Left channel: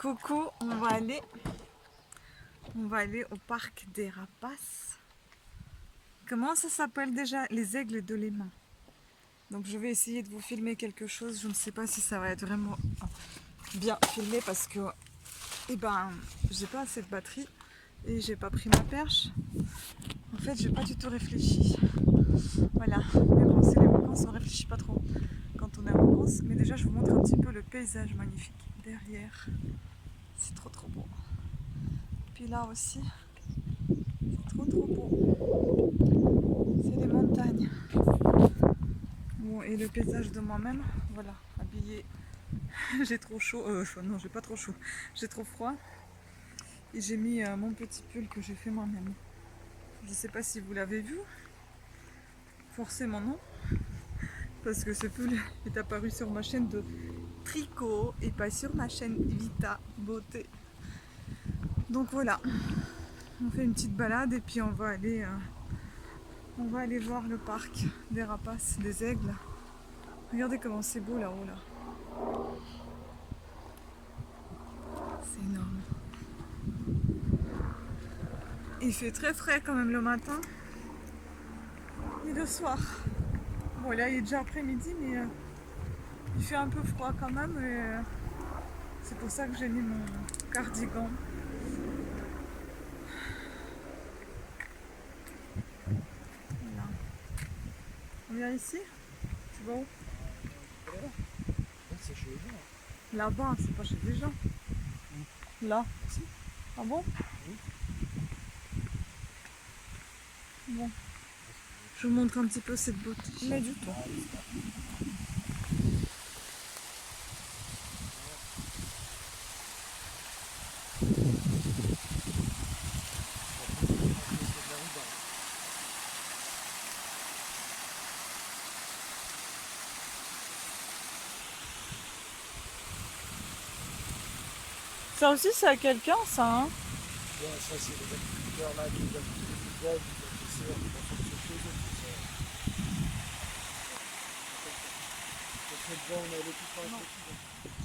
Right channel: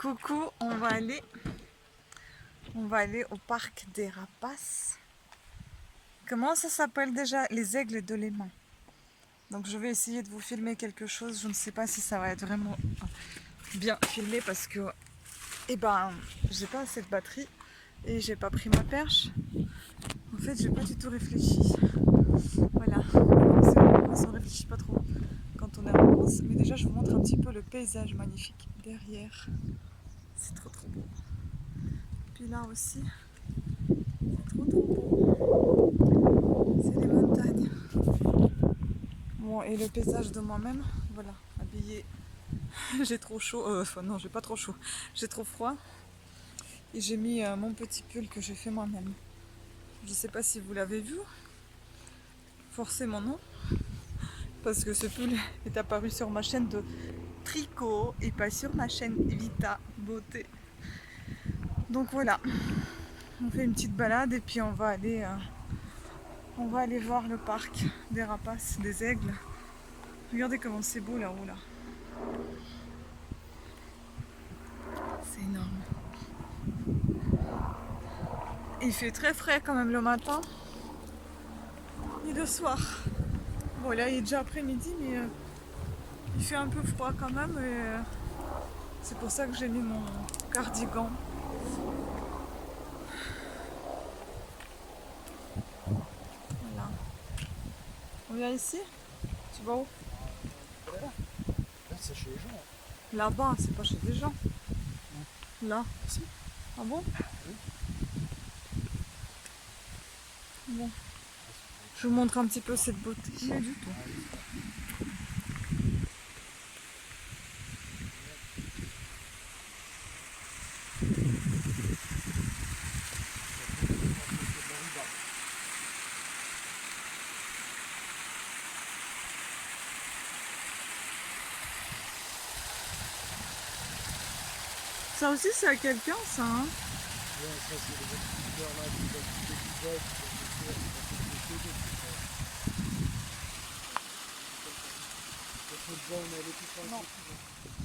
Coucou, on va aller au parc des Rapaces. Comment ça s'appelle déjà? Les aigles de Léman. Donc je vais essayer de vous filmer quelque chose. Je ne sais pas si ça va être vraiment bien filmé parce que j'ai pas assez de batterie et j'ai pas pris ma perche. En fait, j'ai pas du tout réfléchi. Voilà, c'est les vacances, on réfléchit pas trop quand on est en vacances. Mais déjà, je vous montre un petit peu le paysage magnifique derrière. C'est trop beau. Puis là aussi, c'est trop beau. C'est les montagnes. Bon, et le paysage de moi-même, voilà, habillée. J'ai trop chaud, non, j'ai pas trop chaud, j'ai trop froid. Et j'ai mis mon petit pull que j'ai fait moi-même. Je sais pas si vous l'avez vu, forcément non, parce que ce pull est apparu sur ma chaîne de tricot et pas sur ma chaîne Vita Beauté. Donc voilà, on fait une petite balade et puis on va aller voir le parc des rapaces, des aigles. Regardez comment c'est beau là-haut là. C'est énorme. Il fait très frais quand même le matin et le soir. Bon là il est déjà après-midi mais il fait un peu froid quand même et c'est pour ça que j'ai mis mon cardigan. Voilà. On vient ici? Tu vas où? Là, c'est chez les gens. Là-bas, c'est pas chez des gens. Là. Ici. Ah bon? Oui. Bon. Je vous montre un petit peu cette beauté. Mais du tout. Ça aussi c'est à quelqu'un ça hein? Ouais, ça, c'est les agriculteurs là, qui veulent couper du bois, qui veulent pousser, qui veulent pousser chez eux. Le bois, on est allé tout faire Non. dessus.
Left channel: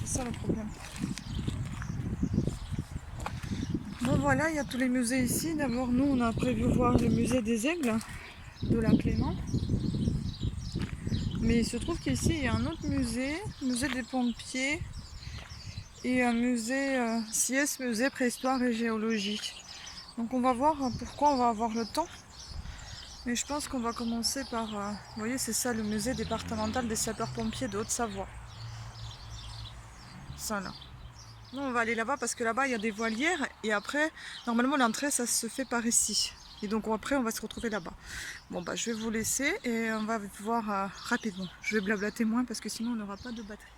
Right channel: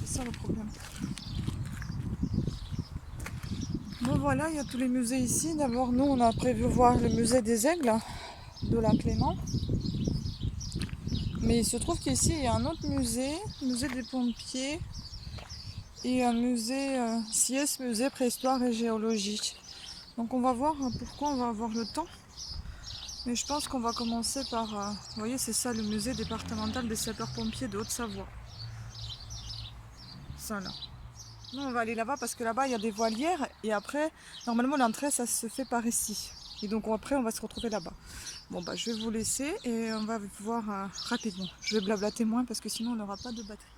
C'est ça le problème. Bon voilà, il y a tous les musées ici. D'abord nous on a prévu voir le musée des aigles de la Clément. Mais il se trouve qu'ici il y a un autre musée, le musée des pompiers et un musée CIES, musée préhistoire et géologie. Donc on va voir pourquoi on va avoir le temps. Mais je pense qu'on va commencer par, vous voyez c'est ça le musée départemental des sapeurs-pompiers de Haute-Savoie. Ça là. Nous on va aller là-bas parce que là-bas il y a des voilières et après normalement l'entrée ça se fait par ici. Et donc après on va se retrouver là-bas. Bon bah je vais vous laisser et on va voir rapidement. Je vais blablater moins parce que sinon on n'aura pas de batterie.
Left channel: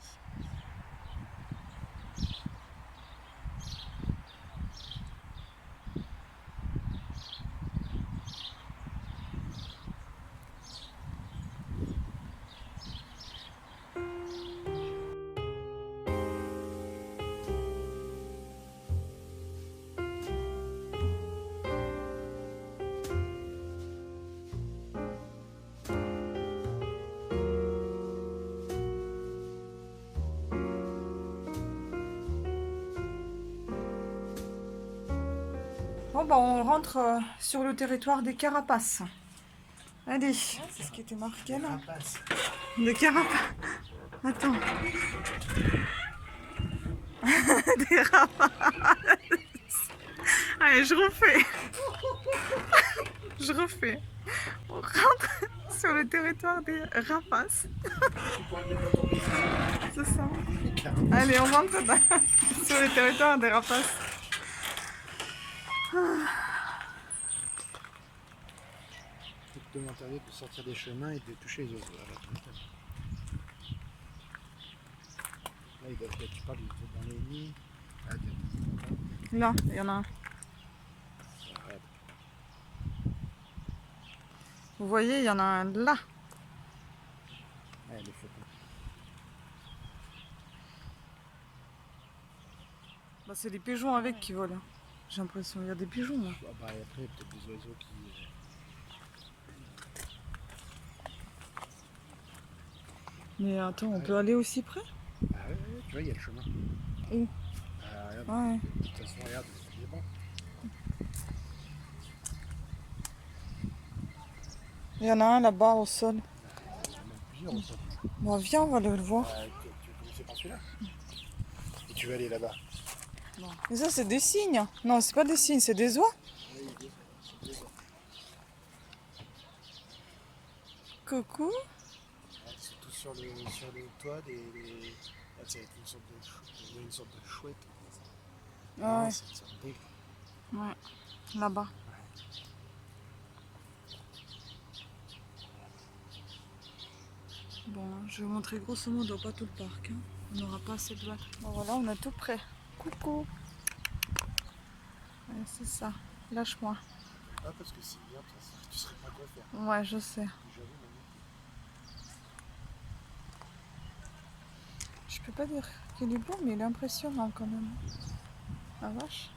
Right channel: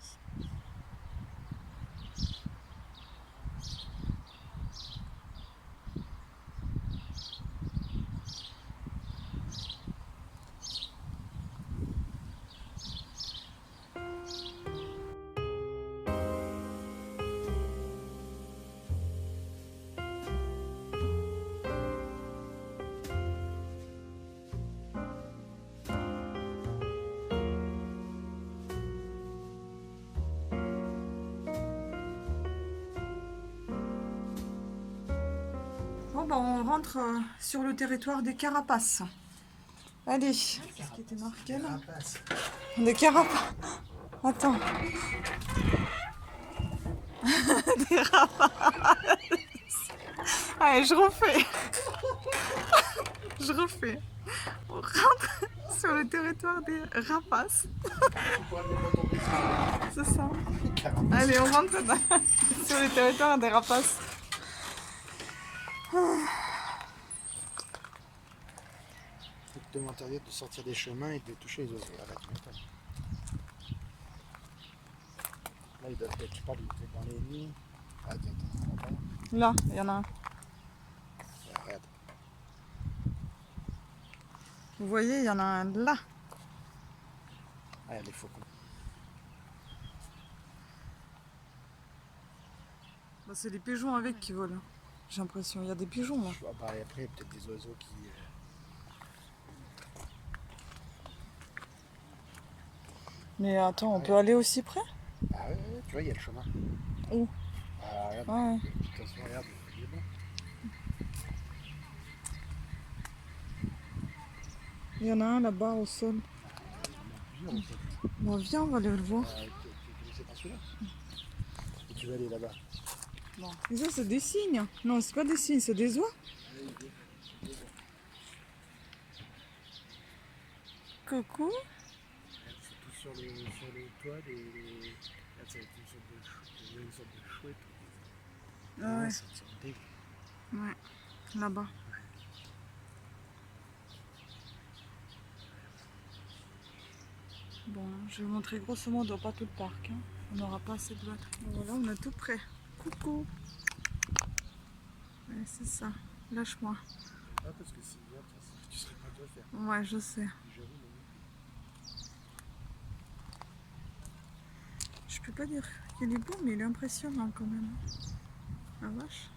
Bon bah on rentre sur le territoire des carapaces. Allez, c'est ce qui était marqué là. Des carapaces. Attends. Des rapaces. Allez, je refais. Je refais. On rentre sur le territoire des rapaces. C'est ça. Allez, on rentre sur le territoire des rapaces. Il te demanderait de sortir des chemins et de toucher les oiseaux. Arrête. Là, ils doivent être, tu parles, ils étaient dans les nids. Ah, attends, Là, il y en a un. regarde. Vous voyez, il y en a un là. Ah, les faucons. Bah, c'est les pigeons avec qui volent. J'ai l'impression, il y a des pigeons là. Ah, bah, et après, il y a peut-être des oiseaux qui. Mais attends, on peut aller aussi près? Ah, ouais, tu vois, il y a le chemin. Où? Ah, regarde, Ouais. De toute façon, regarde, il est bon. Il y en a un là-bas au sol. Il y en a plusieurs au sol. Bon, viens, on va aller le voir. C'est pas celui-là. Et tu veux aller là-bas. Bon. Mais ça, c'est des cygnes. Non, c'est pas des cygnes, c'est des oies. Coucou. Ils sont tous sur le toit Là, c'est une sorte de il y a une sorte de chouette. Ah ouais. C'est une sorte d'aigle. Ouais, là-bas. Bon, je vais vous montrer grosso modo, pas tout le parc. Hein. On n'aura pas assez de batterie. Bon, voilà, on est tout près. Coucou. Ouais, c'est ça. Lâche-moi. Ah, parce que sinon, tu serais pas quoi faire. Ouais, je sais. J'avoue, maman. Je peux pas dire qu'il est beau, mais il est impressionnant quand même. La vache.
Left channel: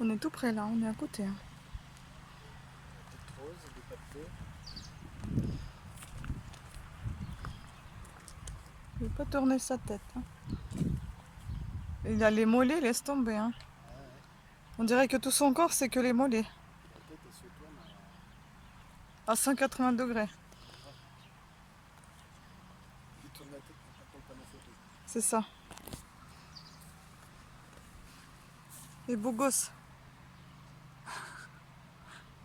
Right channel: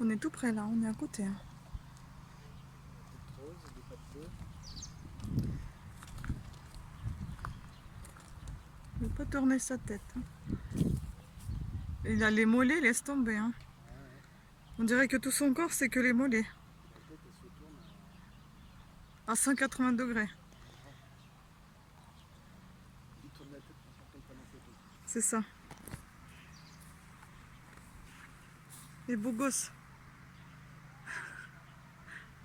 On est tout près là, on est à côté. Hein. Petite rose, des cafés. Il ne veut pas tourner sa tête. Hein. Il a les mollets, laisse tomber. Hein. On dirait que tout son corps, c'est que les mollets. La tête, elle se tourne. À 180 degrés. Il tourne la tête pour pas prendre la photo. C'est ça. Et beau gosse.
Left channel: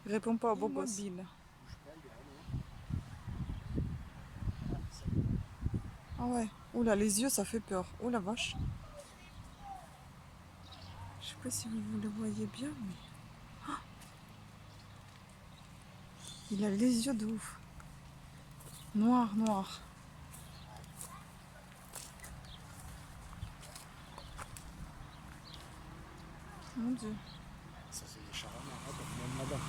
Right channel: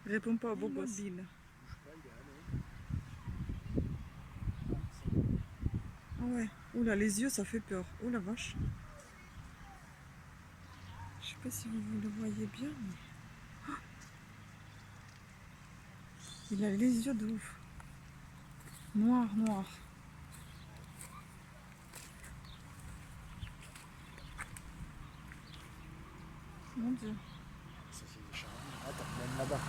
Réponds pas au beau gosse. Bouge pas, il est allé. Ah ouais. Oula, les yeux, ça fait peur. Oh la vache. Je sais pas si vous le voyez bien, mais... Ah, il a les yeux de ouf. Noir, noir. Mon Dieu. Ça, c'est des charmants. Attends, même là-bas.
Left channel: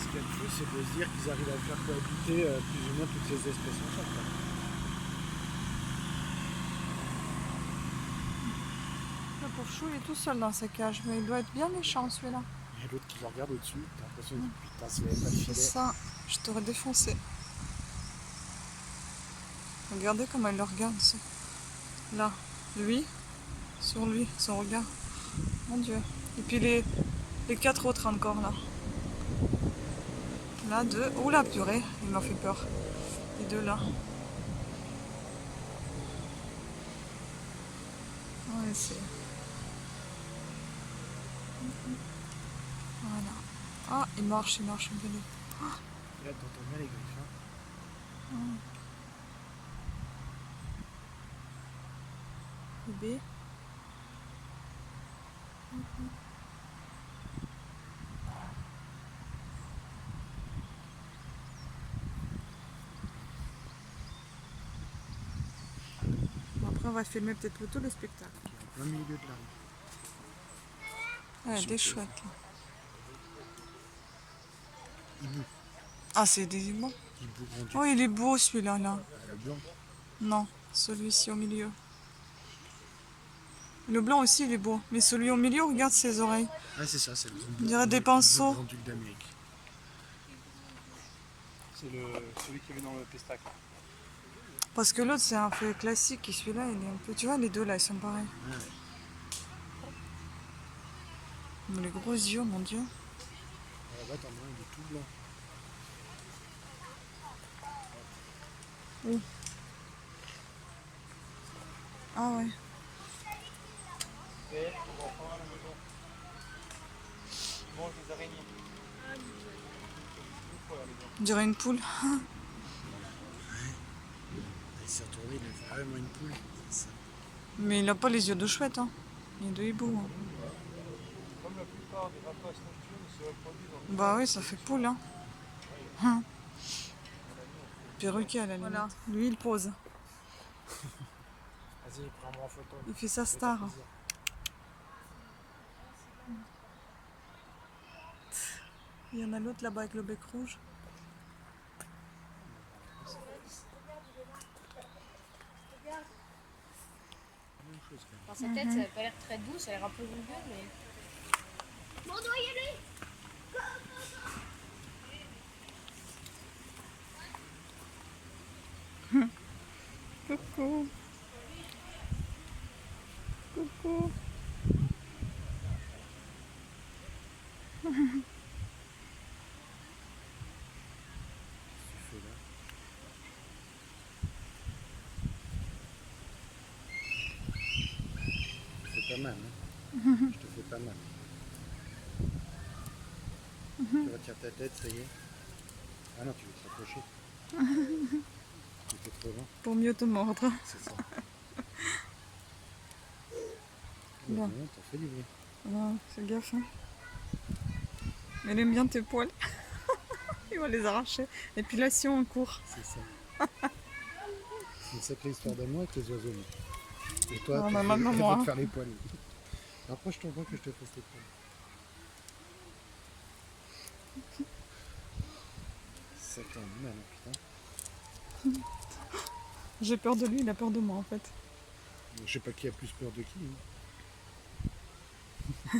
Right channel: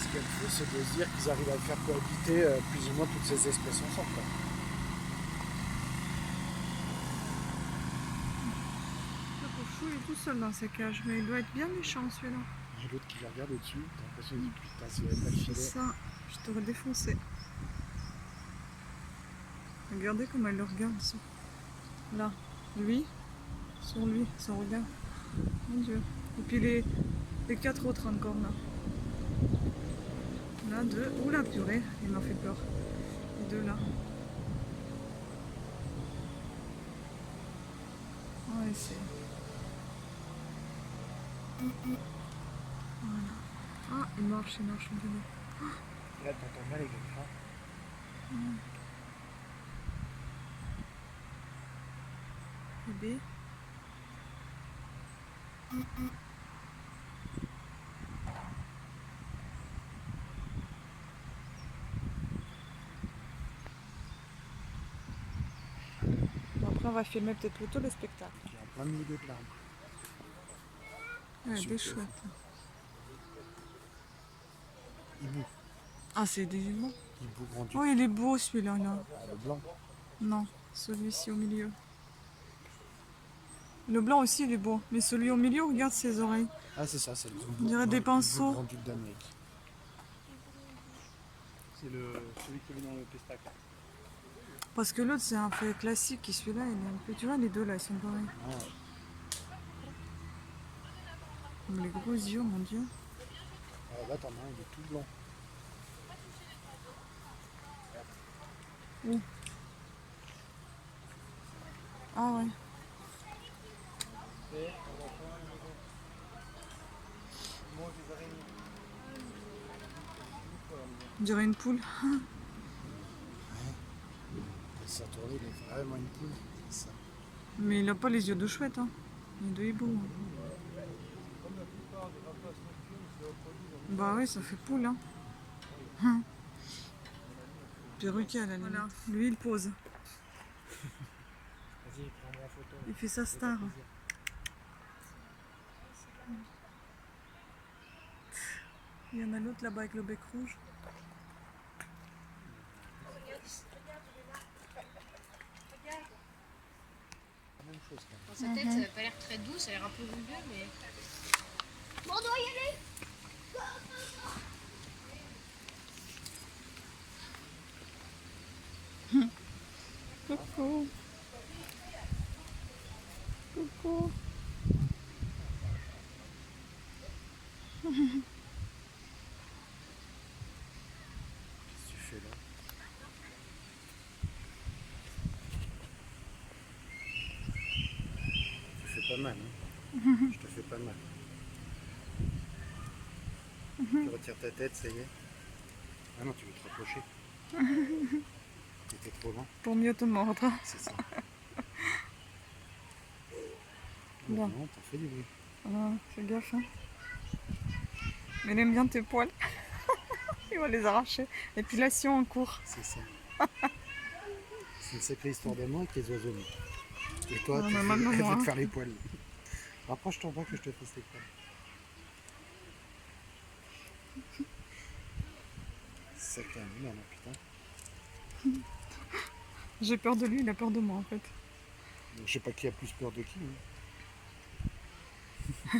Ce qui est fou, c'est de se dire qu'ils arrivent à faire cohabiter plus ou moins toutes ces espèces ensemble. Quoi. Le pauvre chou, il est tout seul dans ses cages, mais il doit être bien méchant celui-là. J'ai l'autre qui le regarde au-dessus. T'as l'impression que putain, c'est la C'est filet. ça, je t'aurais défoncé. Regardez comment il le regarde. Là, lui, sur lui, son regard. Mon Dieu. Et puis les 4 autres encore là. Là, 2. Oh la purée, il m'a fait peur. Les 2 là. Ouais, c'est... Voilà. Ah, il marche en vélo. Là, t'entends bien les griffons. Bébé. Bon, après, on va filmer peut-être plutôt le spectacle. Qui est en plein milieu de la rue. Ouais, Sur des le chouettes là. Hibou. Ah, c'est des hiboux. Hibou grand-duc. Oh, il est beau celui-là là. Ah, le blanc. Non, celui-ci au milieu. Le blanc aussi, il est beau. Mais celui au milieu, regarde ses oreilles. Ah, c'est ça, c'est le On dirait des pinceaux. le grand-duc d'Amérique. C'est celui qui est dans le pestac. Parce que l'autre, c'est un fait classique. Et celui-là, il est un peu... Tu vois, les deux là, ils sont pareils. Ouais. Mais les gros yeux, mon Dieu. Alors là, t'en as un, il est tout blanc. Où? Ah ouais. On dirait une poule. Il s'est retourné, il a fait vraiment une poule. Ça. Mais il n'a pas les yeux de chouette. Hein. Il est de hibou. Hein. Bah oui, ça fait poule. Hein. Perruquet à la limite. Voilà. Lui, il pose. Vas-y, prends-moi en photo. Il fait sa star. Il y en a l'autre là-bas avec le bec rouge. Dans sa tête, ça n'a pas l'air très doux, ça a l'air un peu rugueux, mais... Bon, on doit y aller. Coucou. Coucou. Tu fais là. Tu fais pas mal, hein. Je te fais pas mal. Tu retires ta tête, ça y est. Ah non, tu veux te rapprocher. Tu étais trop loin, Pour mieux te mordre. c'est ça. Bien. Non, t'as fait du bruit. Ah, fais gaffe. Hein. Mais il aime bien tes poils. Il va les arracher. Épilation en cours. C'est ça. C'est une sacrée histoire d'amour avec les oiseaux. Mais. Et toi, Ah, tu bah, veux, maintenant, elle va moi. te faire les poils. Rapproche-toi pas que je te fasse les poils. Sacré animal, hein, putain. J'ai peur de lui, il a peur de moi en fait. Je sais pas qui a plus peur de qui. Hein.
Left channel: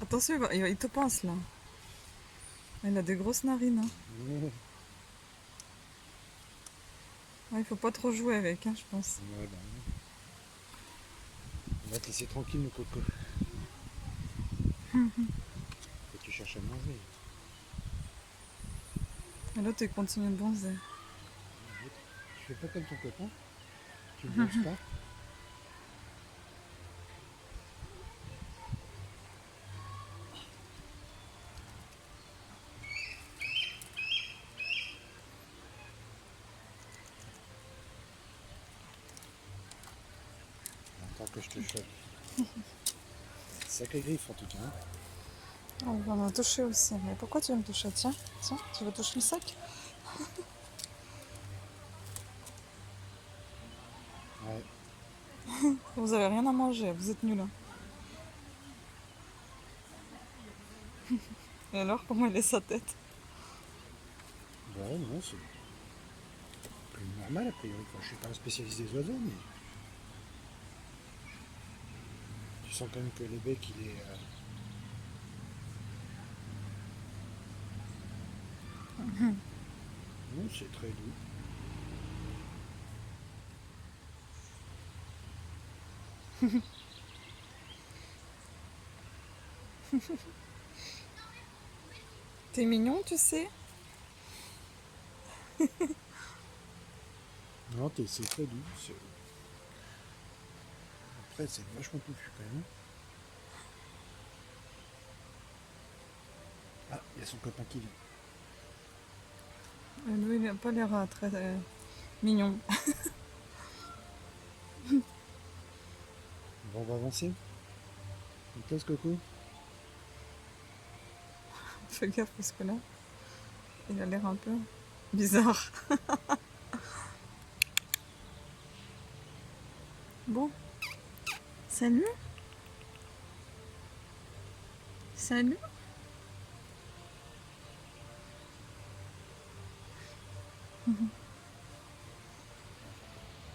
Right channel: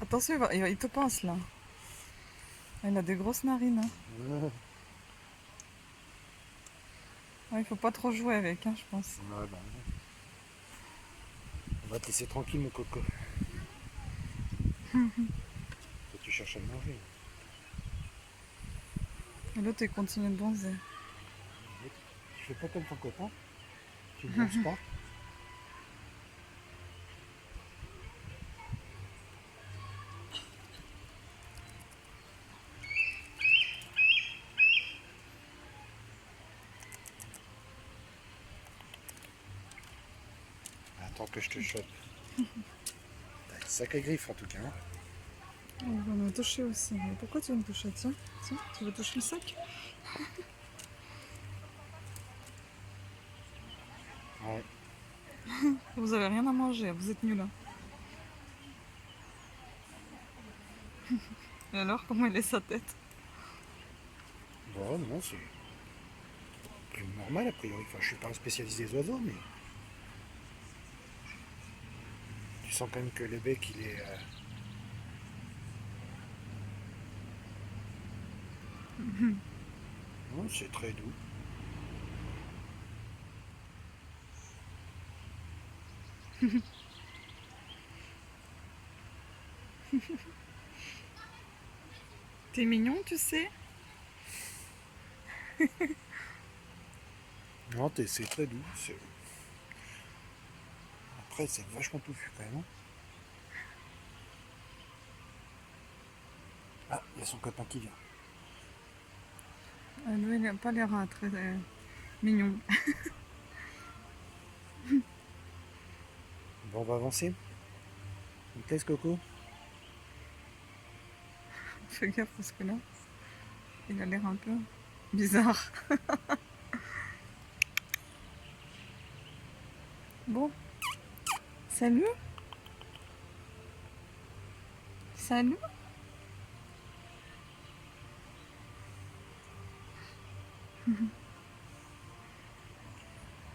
Attention, il te pince là. Il a des grosses narines. Hein. Ouais, il faut pas trop jouer avec, hein, je pense. Ouais, bon. On va te laisser tranquille, mon coco. Faut que tu cherches à manger. Et l'autre, il continue de bronzer. Tu fais pas comme ton copain. Tu ne bronzes pas. Attends que je te chope. T'as une sacrée griffe en tout cas. Hein. Oh, il va me toucher aussi. Mais pourquoi tu veux me toucher? Tiens, tiens, tu veux toucher le sac? Ouais. Vous avez rien à manger, vous êtes nuls. Hein. Et alors, comment il est sa tête? Bon, non, c'est plus normal a priori. Enfin, je suis pas un spécialiste des oiseaux, mais tu sens quand même que le bec il est. Non, c'est très doux. T'es mignon, tu sais? Non, c'est très doux. Après, c'est vachement touffu quand même. Hein. Ah, il y a son copain qui vient. Lui, il n'a pas l'air très mignon. Bon, on va avancer. On te laisse, Coco. Fais gaffe parce que là, il a l'air un peu bizarre. Bon. Salut. Salut.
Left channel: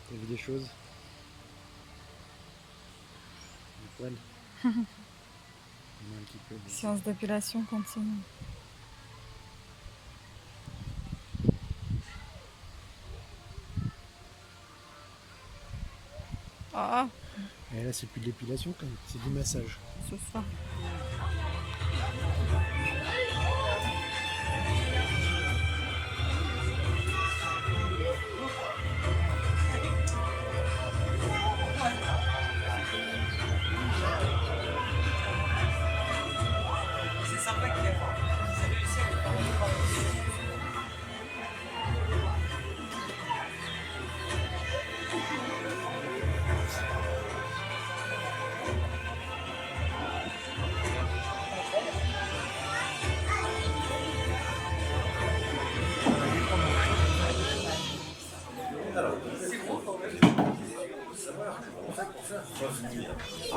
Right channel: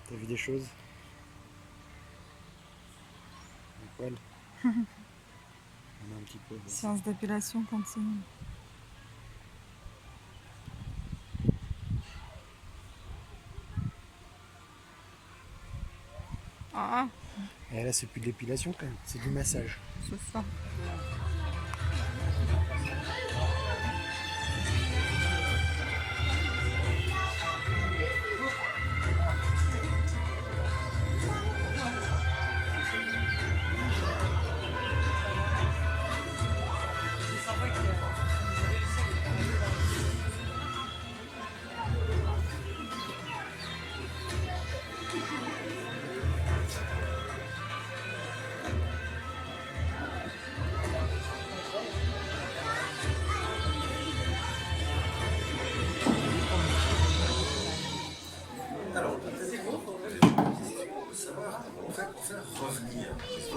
T'as vu des choses? Des poils? On a un petit peu. Bon. Séance d'épilation continue. Ah, Et là, c'est plus de l'épilation quand même, c'est du massage. c'est ça.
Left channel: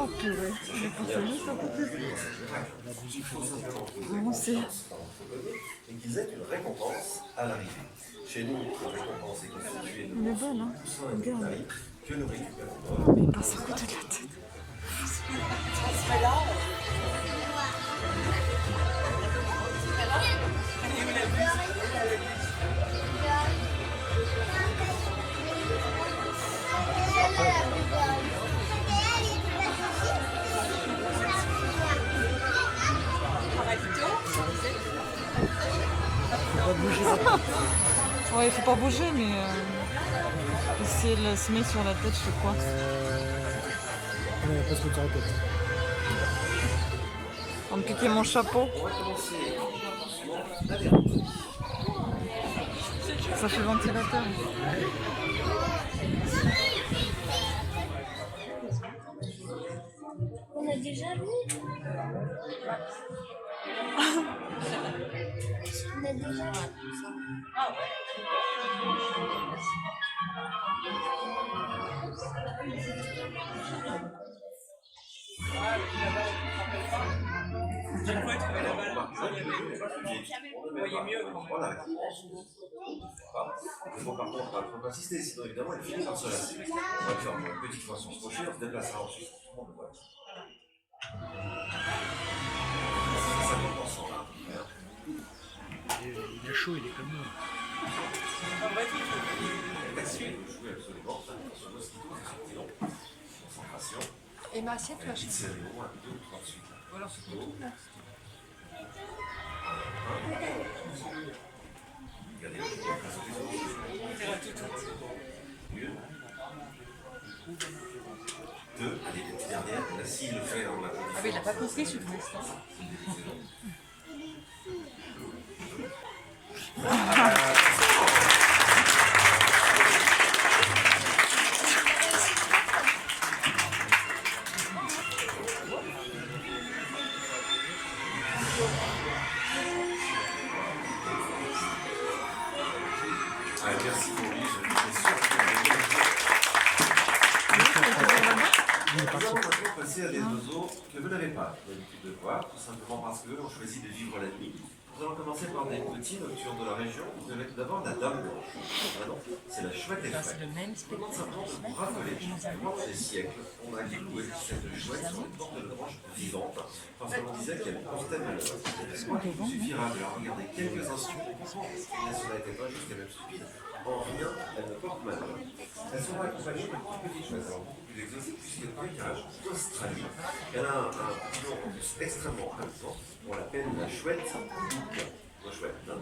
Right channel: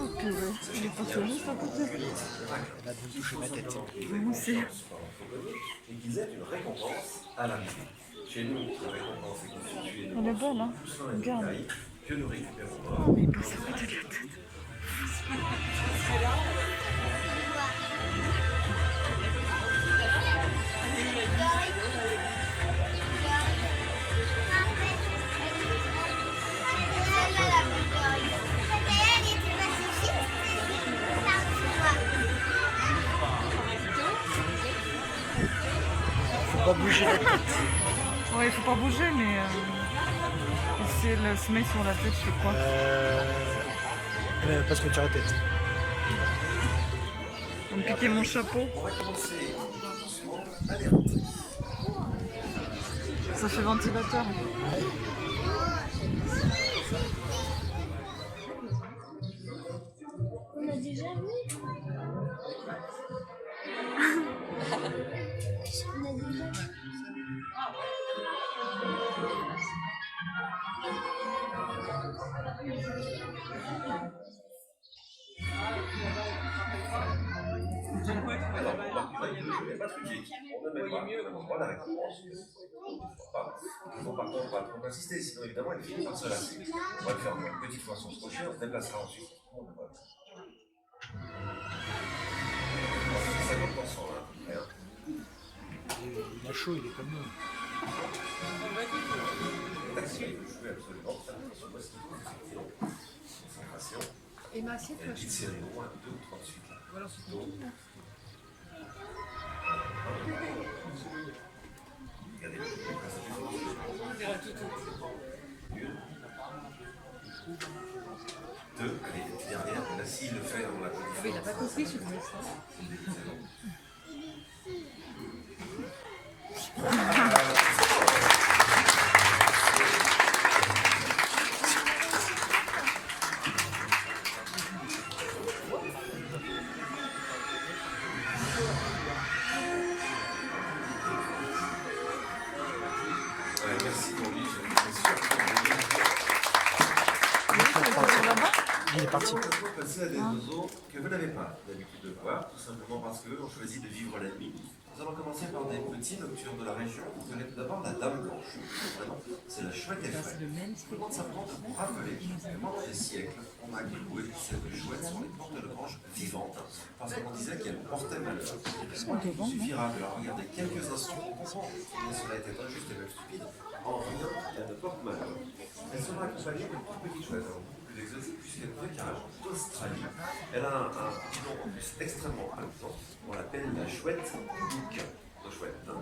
Oh purée, il est pas fini ça peut être. Moi aussi. Et qu'ils aient une récompense à l'arrivée. Chez nous, la récompense est constituée de Elle est belle, hein. Regarde. que nous récupérons. Oh, mais il passe à côté de la tête. pas bouger. Ouais, il faut pas bouger, mais si elle se met sur la tête, je fais quoi? Parce que tu as la tête. On me piquer mon chapeau. On va commencer doucement. Allez, Ça fait ventilateur. On a déjà vu. On a déjà vu. on arrête. Il faut par contre pas trop insister, sinon évidemment elle finit par se lasser. On va le faire encore une petite fois sans se coucher, on se déplacera ensuite. Tout le monde voit. Il a chaud, il est comme nous. Jouer absolument, ça ce qu'il faut, c'est concentration. Et ma assiette, Une petite série au moins 2 ou 3 de suite. Voilà, c'est tout. Regardez, une. 2. Allez, la petite dernière. Là, s'il le fait, on l'a fait. il n'a pas compris, je pense. Merci pour lui, je suis sûr que nous allons maintenant passer à des oiseaux que vous n'avez pas l'habitude de voir, tout simplement parce qu'eux ont choisi de vivre la nuit. Nous allons commencer par des petits nocturnes de la région. Vous avez tout d'abord la dame blanche. C'est la chouette des chouettes. Je demande simplement de vous rappeler que pendant des siècles, on a cloué cette chouette sur une porte de grange vivante, parce qu'on disait qu'elle portait malheur. Il suffira de la regarder quelques instants pour comprendre que cela était injuste et même stupide. En rien, elle ne porte malheur. Elle sera accompagnée d'une toute petite chouette, alors beaucoup plus exotique puisqu'elle vient carrément d'Australie. Elle a un petit nom en plus extrêmement important. On l'appelle la chouette bouc. La chouette, hein.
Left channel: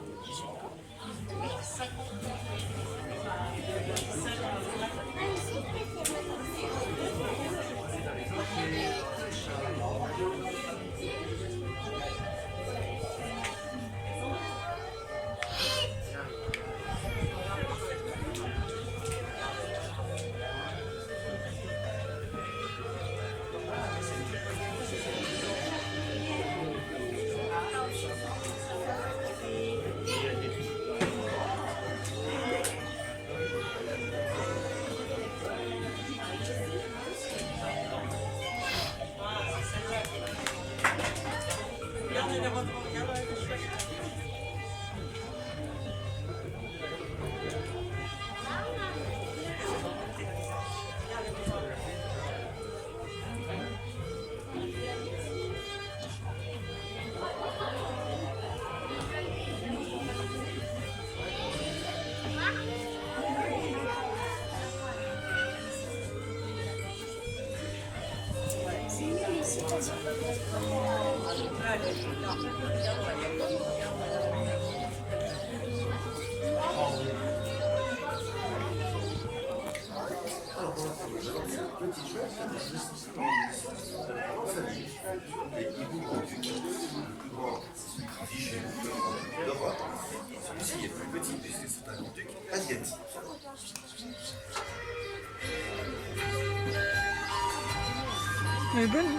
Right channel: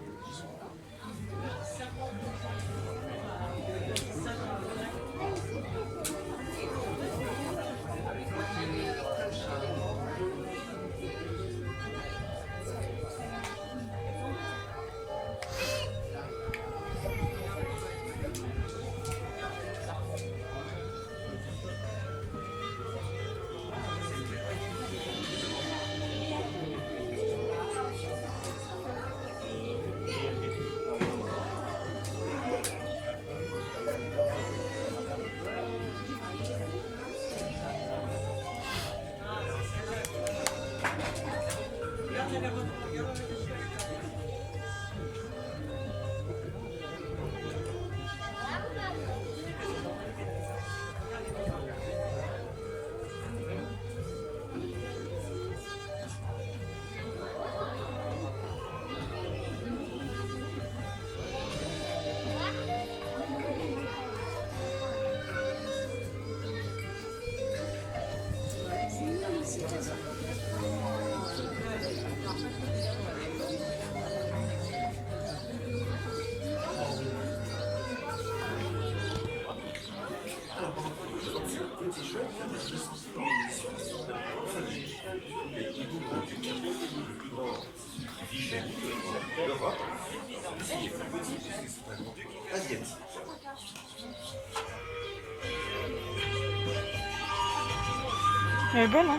Elle est bonne, hein?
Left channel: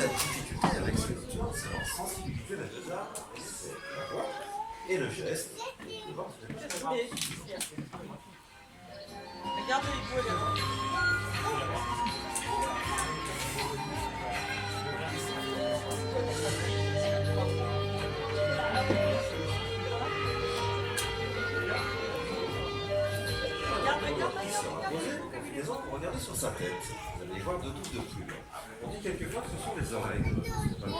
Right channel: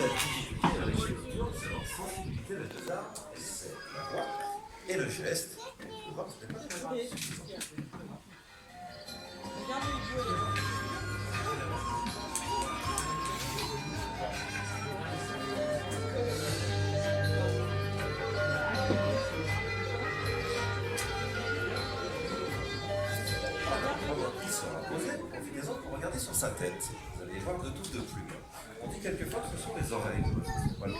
La difficulté avec ce nocturne, c'est leur sensibilité à la dose et le geste. Qui sera posé, combinaison pour regarder sur sa tête. Vous allez voir de tout de plus. On dit quelquefois que ce sont les oreilles. C'est pas le cas.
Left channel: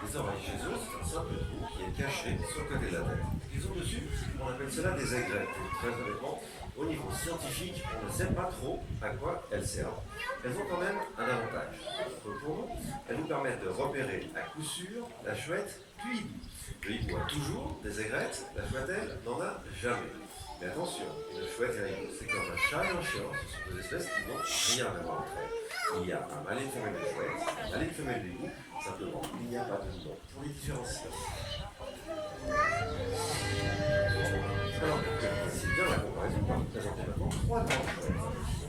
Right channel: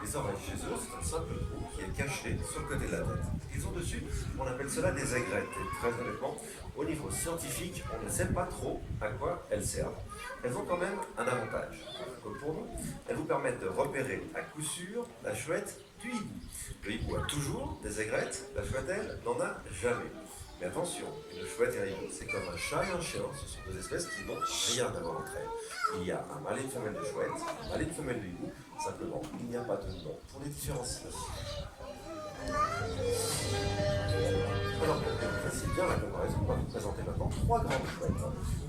Les oreilles chez eux, c'est un simple trou qui est caché sur le côté de la tête. Ils ont dessus, on appelle cela des aigrettes. Et très honnêtement, au niveau scientifique, on ne sait pas trop à quoi elles servent. Elles ont quand même un avantage. Pour vous, elles vous permettent de repérer à coup sûr la chouette du hibou. Le hibou a toujours des aigrettes, la chouette, elle, n'en a jamais. Mais attention, une chouette et un hibou, c'est comme un chat et un chien, ce sont deux espèces qui n'ont rien à voir entre elles. Il y a un mâle et une femelle de chouette, un mâle et une femelle de hibou, simplement, il n'y a pas de nom pour les différencier. Alors, voici bien la comparaison, on va vous présenter maintenant trois grandes chouettes.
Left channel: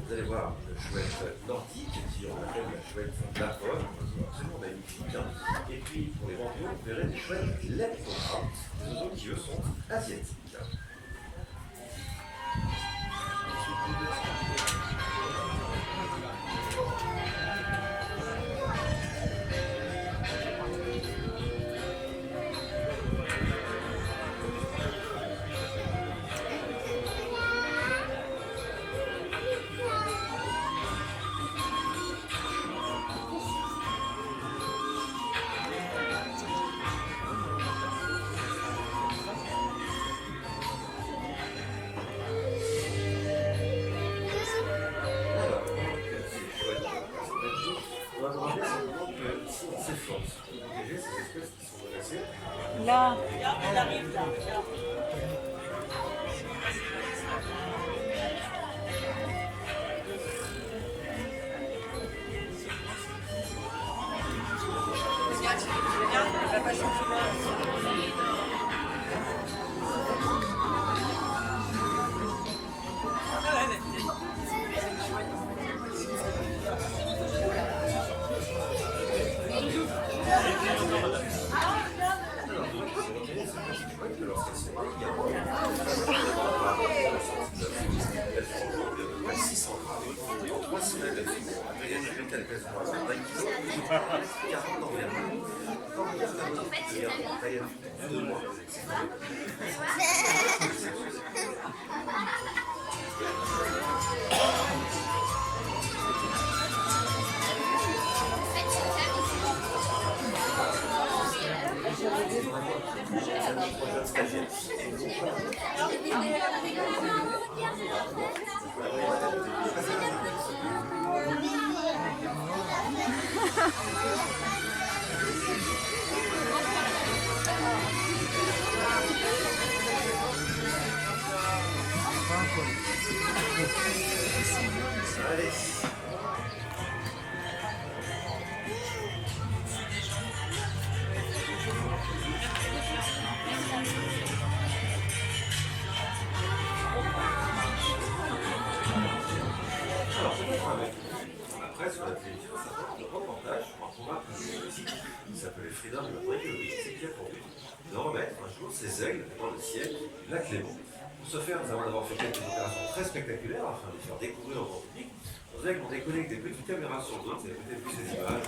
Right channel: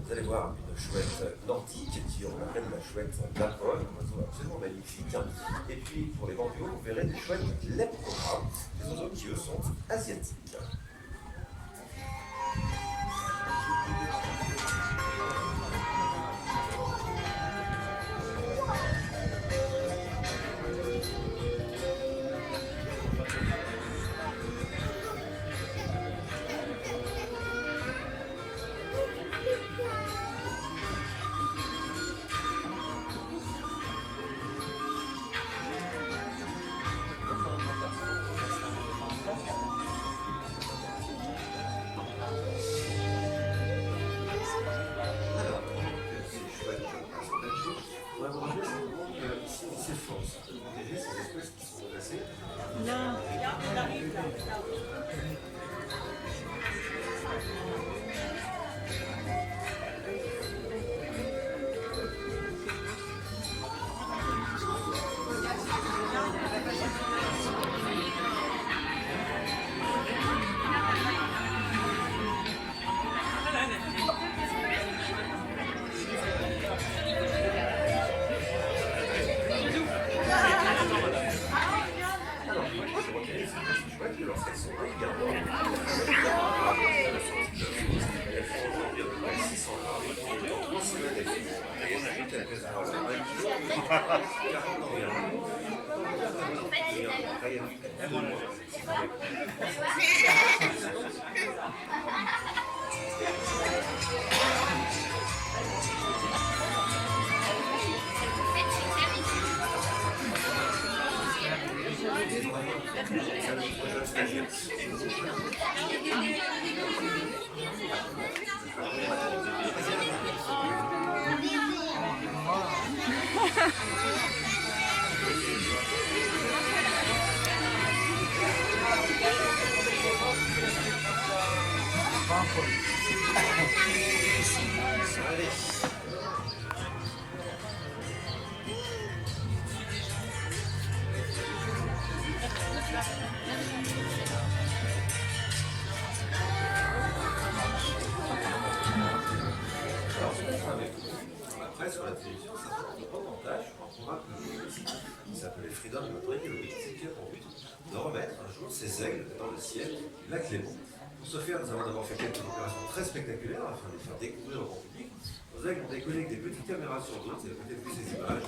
Vous allez voir une chouette nordique, qui on appelle la chouette lapone, absolument magnifique. Et puis, pour les vendus, vous verrez des chouettes leptophares, des oiseaux qui, eux, sont asiatiques. On va vous rappeler simplement que si on s'efforce de protéger ces espèces qui sont menacées, Là. c'est un projet de stagiaire. Après, sur la télévision, ça fait un reportage sur un programme qui s'appelait Freedom de notre écologie, c'est qui a pour but de remettre un jour ces aigles dans le ciel du lac Léman. Pour ce faire, nous avons d'abord fait quelques opérations très spectaculaires afin de les faire découvrir au grand public. Nos aigles ont décollé avec des petites caméras sur dos, vous avez peut-être vu ces images,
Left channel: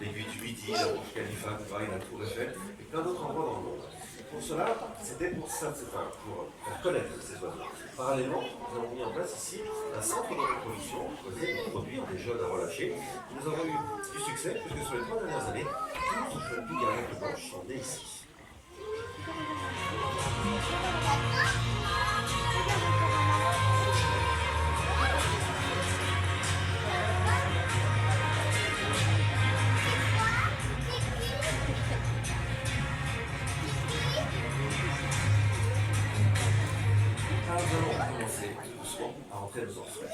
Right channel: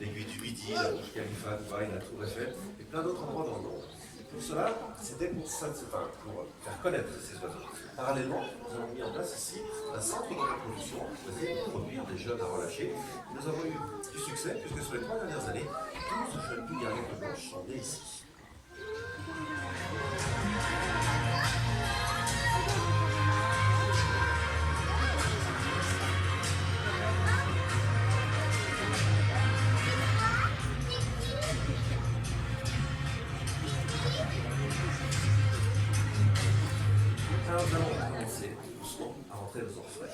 l'aiguille du Midi, la Burj Khalifa, Dubaï, la Tour Eiffel et plein d'autres endroits dans le monde. Pour cela, c'était pour faire connaître ces oiseaux. Parallèlement, nous avons mis en place ici un centre de reproduction choisi de produire des jeunes à relâcher. Et nous avons eu du succès puisque sur les 3 dernières années, 12 jeunes bigarrettes blanches sont nées ici. Alors nous allons commencer doucement à rentrer nos orfraies.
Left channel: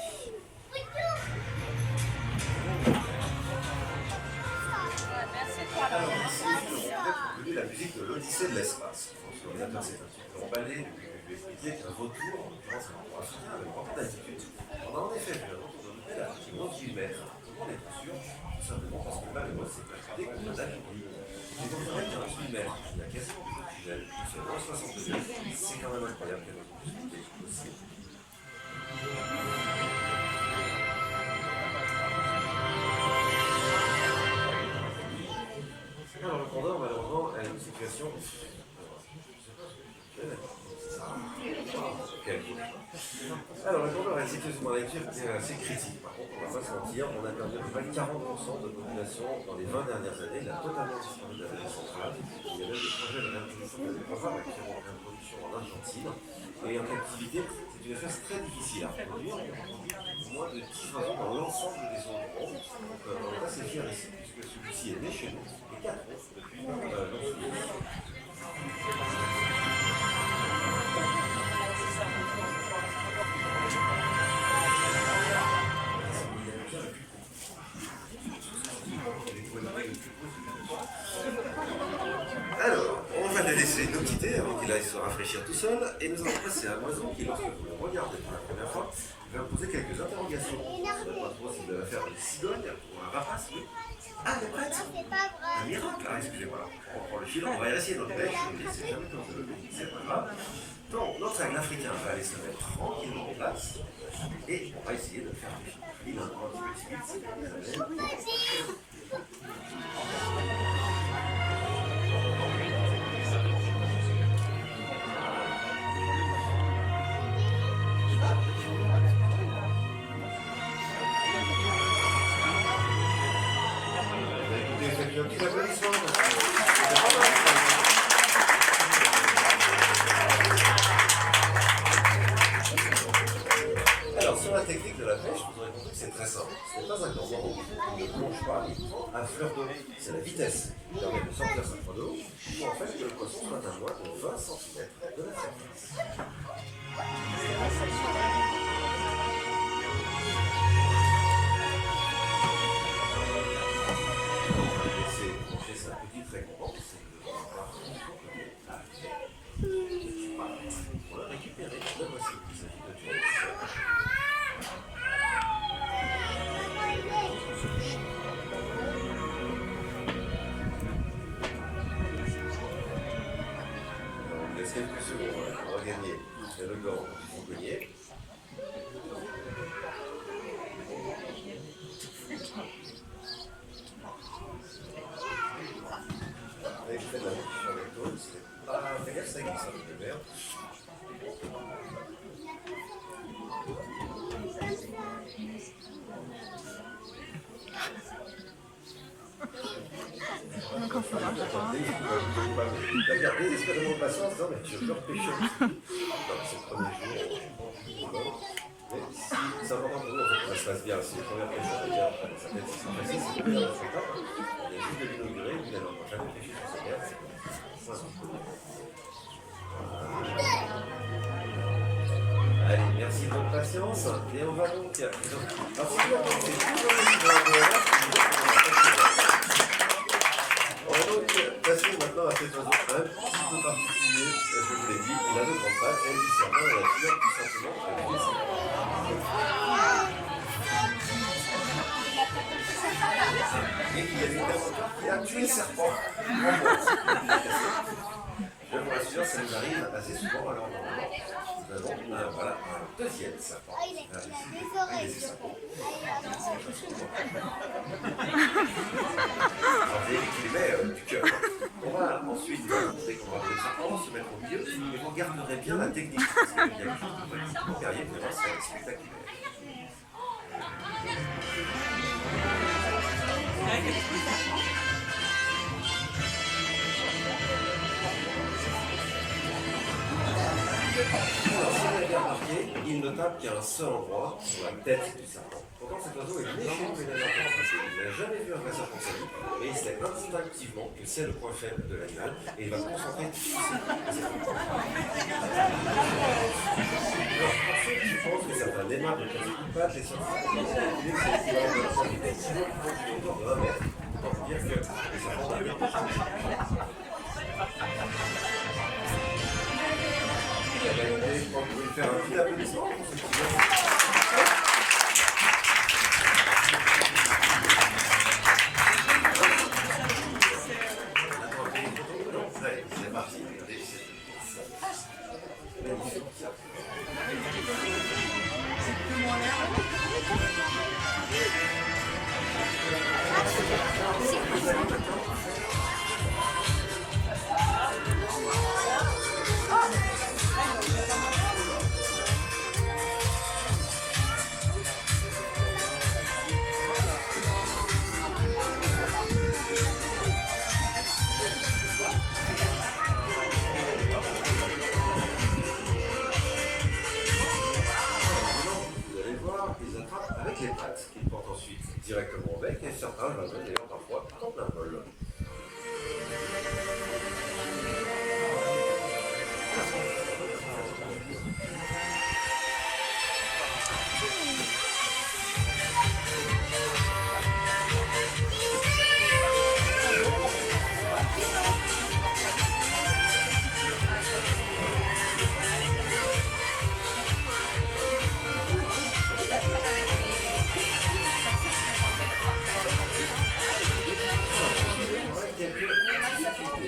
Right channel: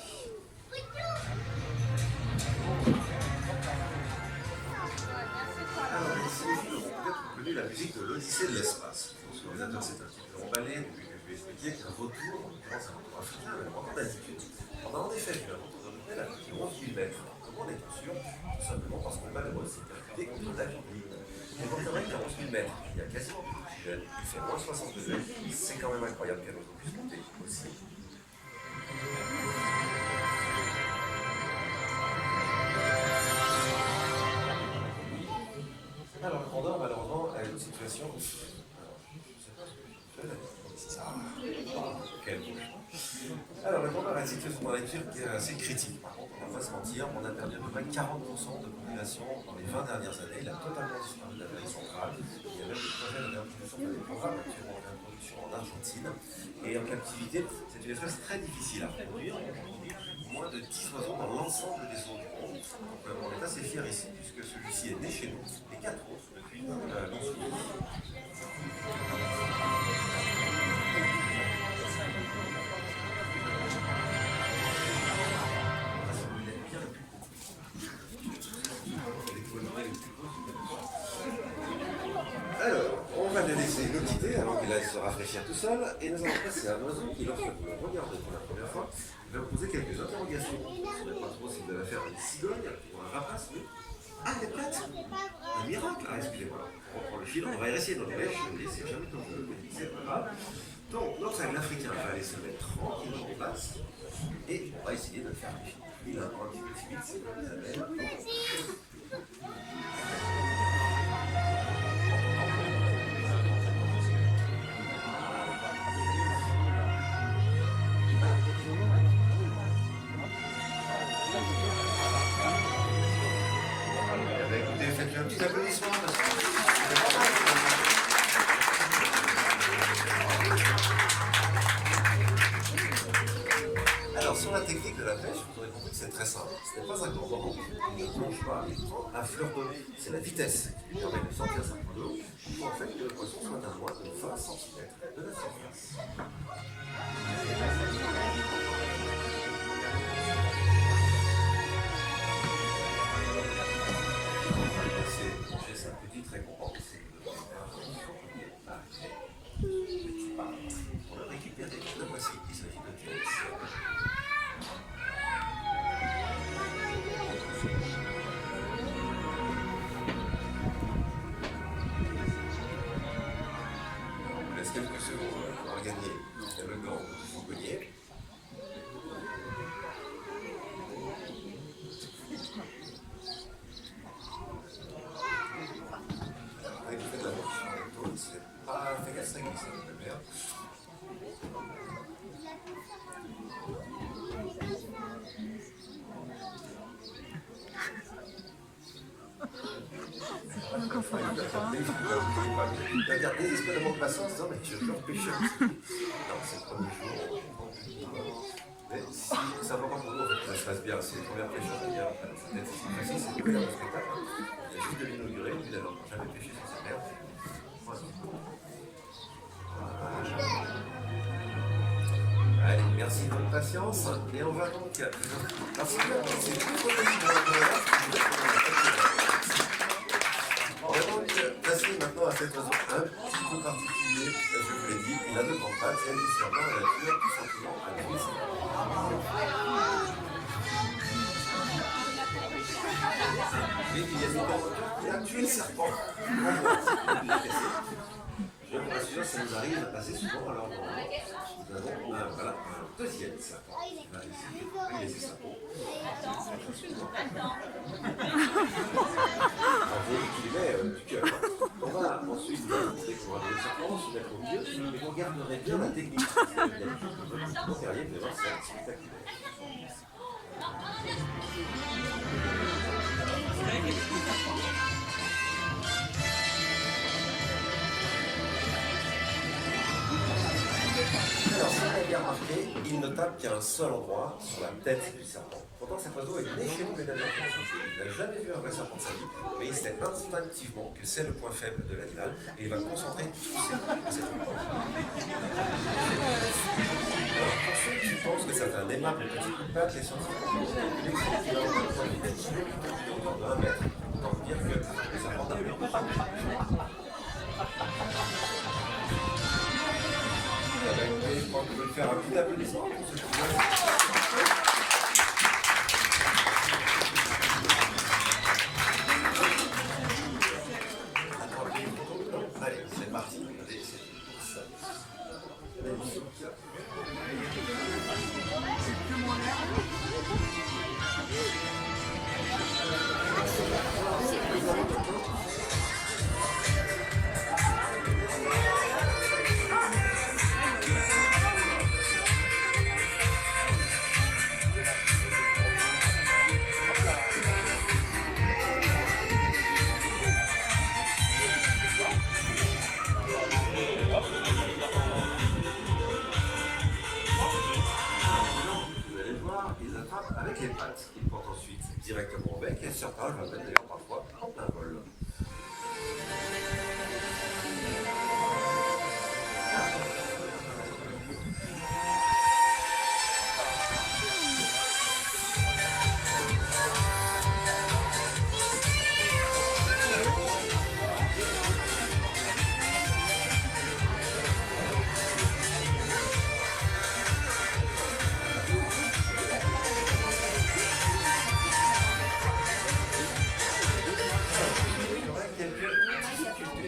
Alors ici, nous avons peut-être connu la musique de l'Odyssée de l'espace. Je pense que l'ordinateur s'est un petit peu emballé depuis que je lui ai expliqué qu'un retour, en l'occurrence un retour africain, avec un record d'altitude. On a en effet fait un retour de l'hôtel à plus de 11 000 mètres. Comment on est sûr? Tout simplement parce que malheureusement, c'est pratiqué contre la ligne. Il faudrait qu'à 11 000 mètres, il y a quasiment plus d'oxygène, seulement 60 degrés. C'est quand même incroyable qu'elle ait puisse monter aussi. Alors le condor, malheureusement, a une situation. Alors le condor a une situation dans la nature qui est assez critique. Par contre, on va pas se mentir, on a perdu à peu près 40% de population dans les 20 dernières années. Il a totalement disparu de l'Amérique centrale. centrale. Il y a même des projets d'adaptation de programmes actuellement en production en Argentine. Et en captivité, c'est une espèce très difficile à reproduire. Moins de 10 oiseaux dans l'ensemble des zones du monde. Donc on est assez fiers ici, puisque celui-ci est né chez nous, et 4 autres depuis non celui-ci. Alors, on va le laisser nous quitter avant qu'il aille se rafraîchir tout seul, et nous allons passer à un oiseau qui, lorsque vous le regardez pour la première fois, va vous poser quelques interrogations. Je ne saurais pas trop si vous allez faire une cigogne ou un rapace, oui. Ah, elle est prête? Un miracle? Ah, excusez-moi, on reprend le fil, on va essayer notre pêche, mais c'est jamais comme je le dis, c'est pas grave. Donc, notre aigle africain va aller se mettre tranquillement en place, et on va essayer de faire un fil. Il a un petit peu timide, c'est comme Isabelle. Un petit applaudissement. Alors, sur la technique de la pêche, vous aurez compris que c'est très simple. Ce n'est pas un cordon rouge, il ne plonge pas, il prend un fleur d'eau. C'est la vitesse qui permet de sortir sa proie d'eau pour en fait que le poisson soit à moins de 20 cm de la surface. Sa petite récompense, c'est de voir pour le récupérer. Le voici, il s'agit de James. On laisse quelques secondes pour regagner le gant du fauconnier. Ça glisse avec le verre. Quand ça marche pas. T'as gardé désespérément patience, non mais tu veux repêcher. C'est le premier jour. Mais si c'est important pour nous, en fait, que ça se passe bien. Si les premières pêches sont bien, ça peut être facile, c'est bien le spectacle. Il y a juste de l'inaugurer, puis d'aller jamais pêcher sur cette herbe. Allez, merci de votre patience. Et on va donc. On va donc passer maintenant à cet oiseau un petit peu particulier. Je vous l'ai dit, il a deux grandes pattes, celle du serpent et la couleur tout simplement avec les serpents. Et il y a une personne qui a tué le serpent. Je vous rassure, ça nous arrive assez souvent. Alors, nous avons un deuxième serpent qui va laisser sa peau. Il met du cœur. On va ensuite vous montrer qu'on va se mettre au milieu et vous garderez bien la technique. Parce qu'il y a quelque chose de guerrier, vraiment, c'est spectaculaire. Il ne tape qu'à un seul endroit, sur la tête du serpent. Pourtant, cet oiseau est né chez nous, il n'a jamais vu un vrai serpent de sa vie, mais il sait instinctivement que c'est le point faible de l'animal et il va concentrer tout ce Je pense que c'est un aimable petit coup de patte, les scientifiques. Il existe qu'il va avoir un autour de 1 mètre. Donc, dire que les serpents n'avaient pas vous pouvez faire un petit applaudissement pour ce qui vient. Allez, c'est parti. Magnifique. C'est plus moyen. Certains peuvent être d'ailleurs parfois en plein vol.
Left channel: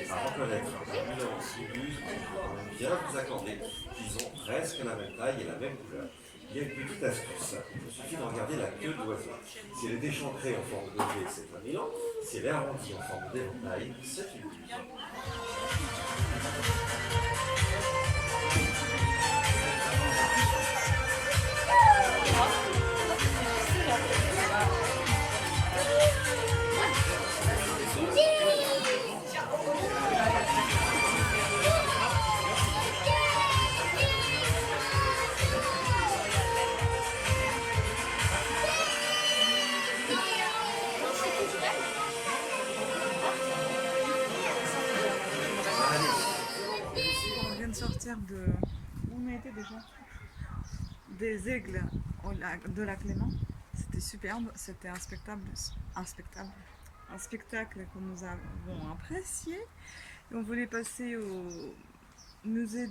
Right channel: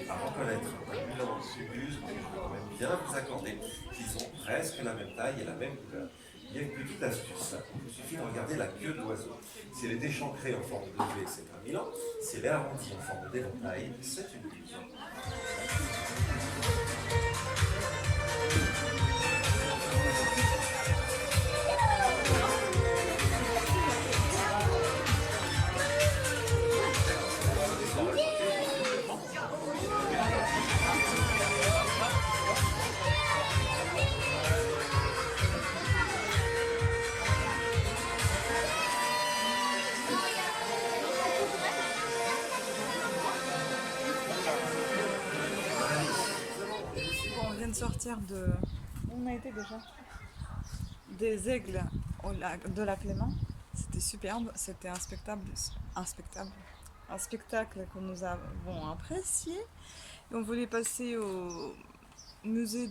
À reconnaître parmi leurs subus, bien vous accorder qu'ils ont presque la même taille et la même couleur. Il y a une petite astuce, il suffit de regarder la queue de l'oiseau. Si elle est déchancrée en forme de V, c'est un Milan. Si elle est arrondie en forme d'éventail, c'est une buse. Bon, on vient de sortir de... Où on a été déjà? Des aigles de la Clément. C'était superbe, c'était un spectacle que nous avons apprécié. Et on voulait passer au musée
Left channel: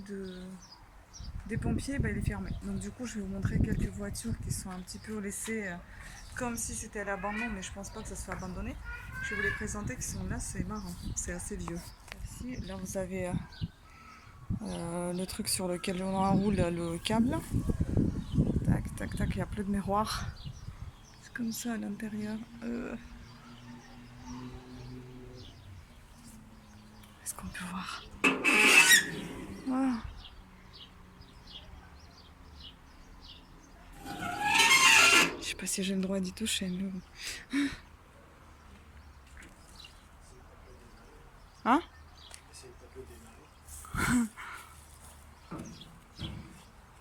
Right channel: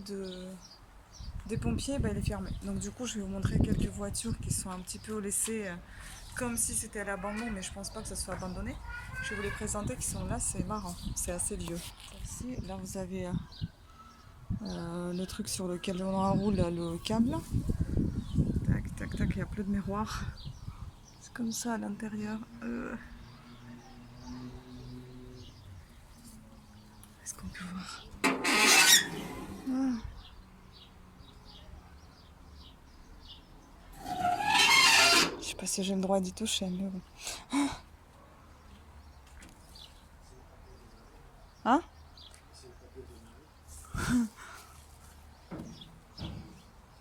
des pompiers, bah, il est fermé. Donc du coup je vais vous montrer quelques voitures qui sont un petit peu laissées comme si c'était à l'abandon, mais je pense pas que ça soit abandonné. Je vais vous les présenter qui sont là, c'est marrant, c'est assez vieux. Ici, là vous avez le truc sur lequel on enroule le câble. Tac, tac, tac, il y a plus de miroir. C'est comme ça à l'intérieur. Est-ce qu'on peut voir? Voilà. Je sais pas si j'ai le droit d'y toucher, mais bon. Hein?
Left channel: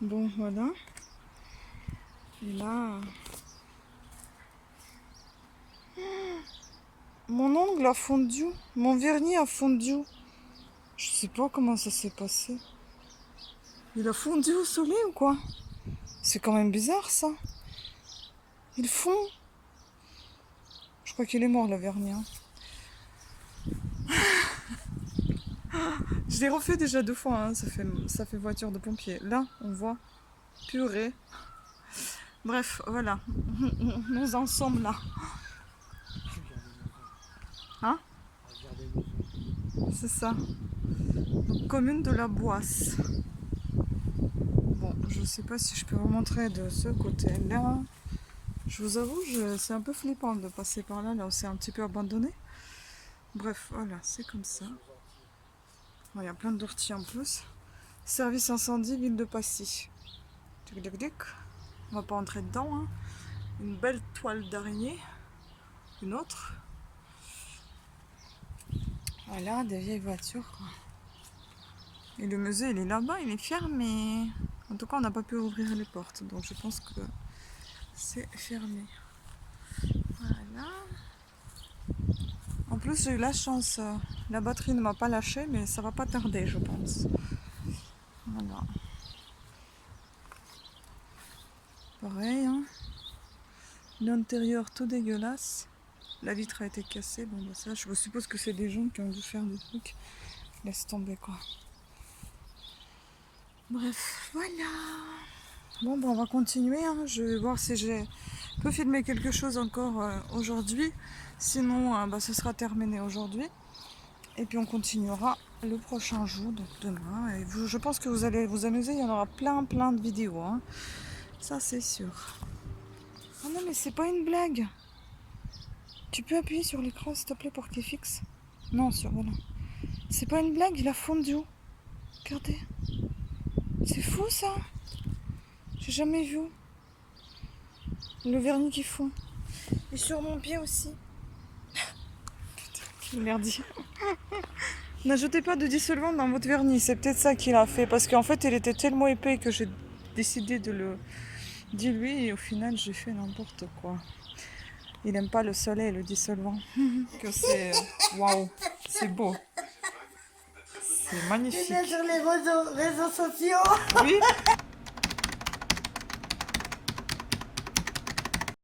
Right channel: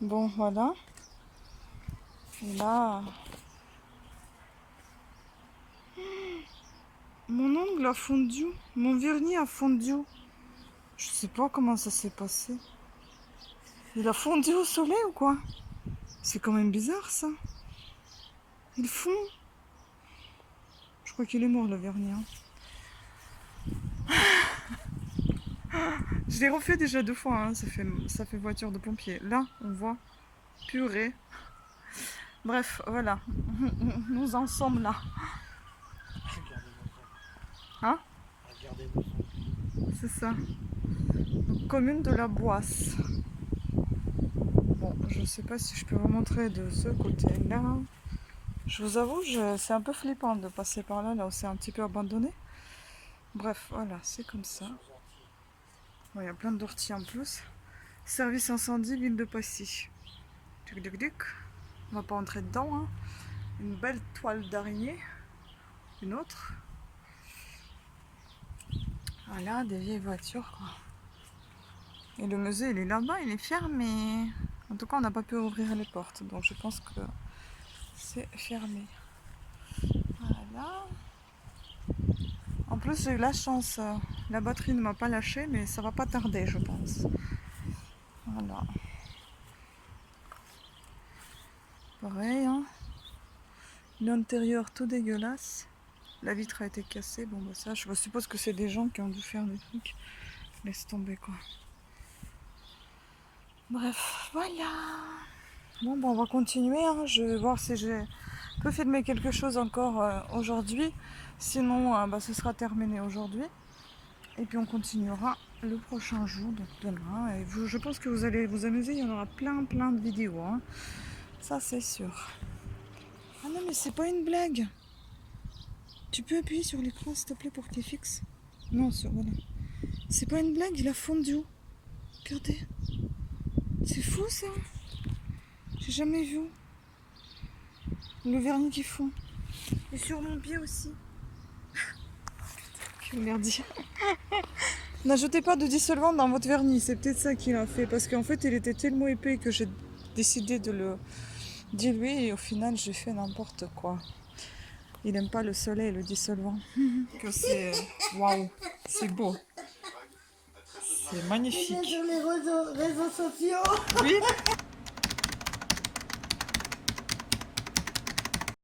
Bon, voilà. Et là... Mon ongle a fondu. Mon vernis a fondu. Je sais pas comment ça s'est passé. Il a fondu au soleil ou quoi? C'est quand même bizarre ça. Il fond. Je crois qu'il est mort le vernis. Hein. Je l'ai refait déjà 2 fois. Hein. Ça fait voiture de pompier. Là, on voit purée. Bref, voilà. Nous en sommes là. Hein? C'est ça. Donc, commune de la Boisse. Bon, je sais pas si je peux vous montrer de ce côté-là. Je vous avoue, c'est un peu flippant de passer par là, là où c'est un petit peu abandonné. Bref, voilà, c'est comme ça. Bon, il y a plein d'orties en plus. Service incendie, ville de Passy. Tuc, tuc, tuc. On va pas entrer dedans. Hein. Une belle toile d'araignée. Une autre. Voilà, des vieilles voitures, quoi. Et le musée, il est là-bas, il est fermé. En tout cas, on n'a pas pu ouvrir les portes, donc je pense que c'est fermé. Voilà. En plus, j'ai eu la chance. La batterie ne m'a pas lâché, mais ça va pas tarder, je pense. Voilà. Pareil, hein. L'intérieur tout dégueulasse. La vitre a été cassée. Bon, bah ça, je suppose que c'est des gens qui ont dû faire des trucs. Laisse tomber, quoi. Bref, voilà. Bon, bah, on va continuer. Hein. Je vais voir si je peux filmer quelque chose encore aujourd'hui. Sinon, bah, ce sera terminé aujourd'hui. Et puis, on continuera le prochain jour, donc demain. Et je pense que vous allez vous amuser. Il y en aura plein de vidéos. Hein. Ça, c'est sûr. Ah non, mais c'est pas une blague. Tu peux appuyer sur l'écran, s'il te plaît, pour qu'il fixe. Non, voilà. C'est pas une blague, il a fondu. Regardez. C'est fou, ça. J'ai jamais vu. Le vernis qui fond. Et sur mon pied aussi. Putain, quel merdier. N'ajoutez pas de dissolvant dans votre vernis. C'est peut-être ça qu'il a fait. Parce qu'en fait, il était tellement épais que j'ai décidé de le diluer. Et au final, j'ai fait n'importe quoi. Il aime pas le soleil, le dissolvant. Que c'est... Waouh, c'est beau. C'est magnifique. Sur les réseaux sociaux. Oui,